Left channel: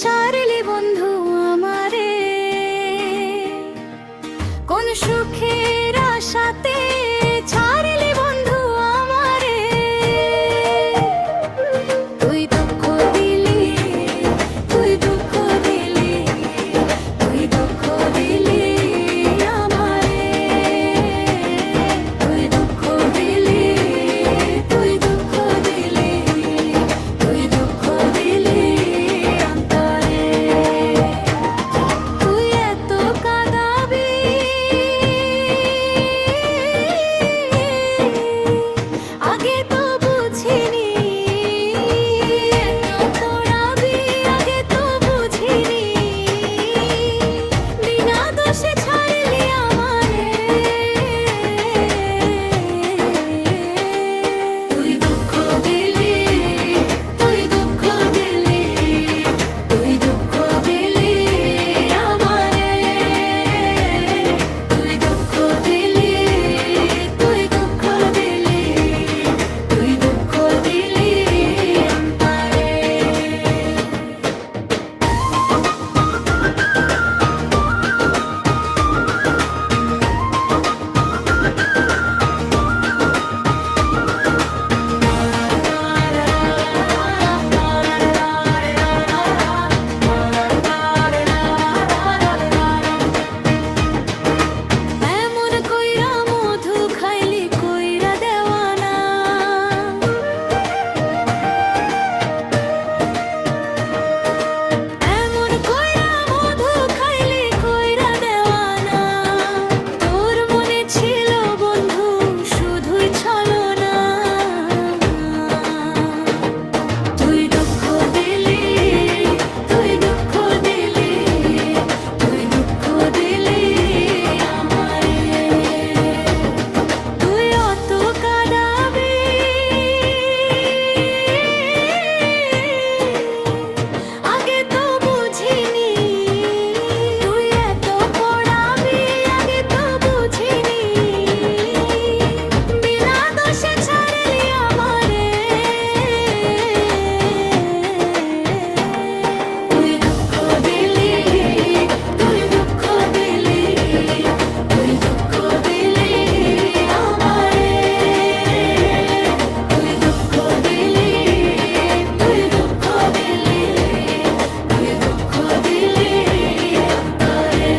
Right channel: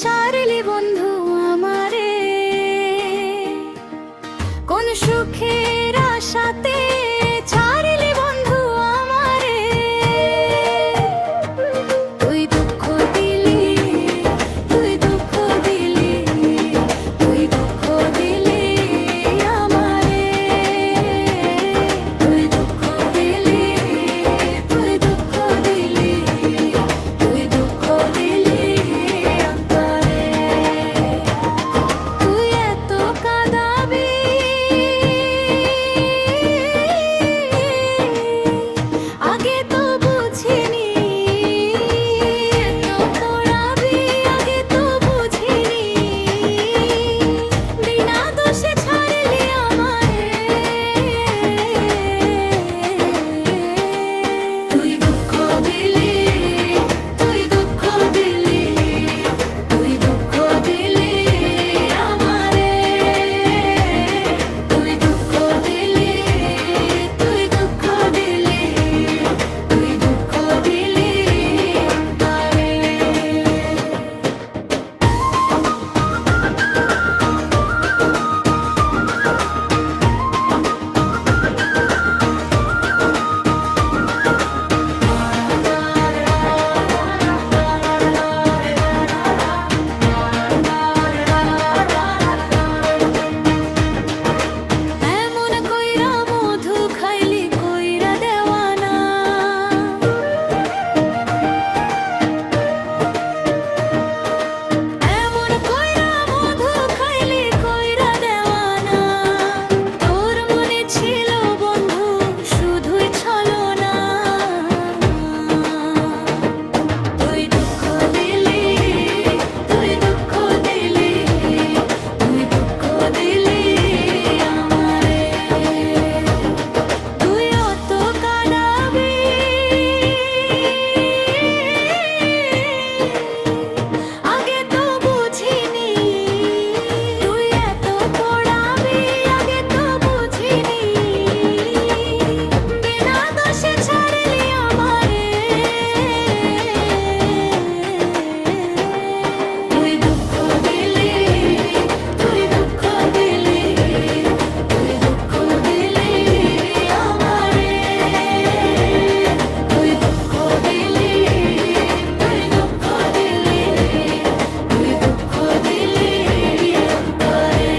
ছাড়লি বন্ধু আমারে কোন সুখের আশাতে, ছাড়লি বন্ধু আমারে। তুই দুঃখ দিলি, তুই দুঃখ দিলি, তুই দুঃখ দিলি আমারে। তুই দুঃখ দিলি, তুই দুঃখ দিলি, তুই দুঃখ দিলি অন্তরে। তুই এত কাঁদাবি আগে তো বুঝিনি, এত পোড়াবি আগে তো বুঝিনি। বিনা দোষে ছাড়লি আমারে। তুই দুঃখ দিলি, তুই দুঃখ দিলি, তুই দুঃখ দিলি আমারে। তুই দুঃখ দিলি, তুই দুঃখ দিলি, তুই দুঃখ দিলি অন্তরে। এমন কইরা মধু খাইলি কইরা দেওয়ানা, এমন কইরা মধু খাইলি কইরা দেওয়ানা। তোর মনে ছিল বন্ধু শুধুই ছলনা। তুই দুঃখ দিলি, তুই দুঃখ দিলি, তুই দুঃখ দিলি আমারে। তুই অত কাঁদাবি আগে তো বুঝিনি। তুই এত পোড়াবি আগে তো বুঝিনি। বিনা দোষে ছাড়লি আমারে। তুই দুঃখ দিলি, তুই দুঃখ দিলি, তুই দুঃখ দিলি আমারে। তুই দুঃখ দিলি, তুই দুঃখ দিলি, তুই দুঃখ দিলি অন্তরে।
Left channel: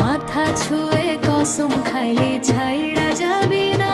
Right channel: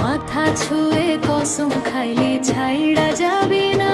মাথা ছুঁয়ে কসম খাইলি ছাইড়া যাবি না।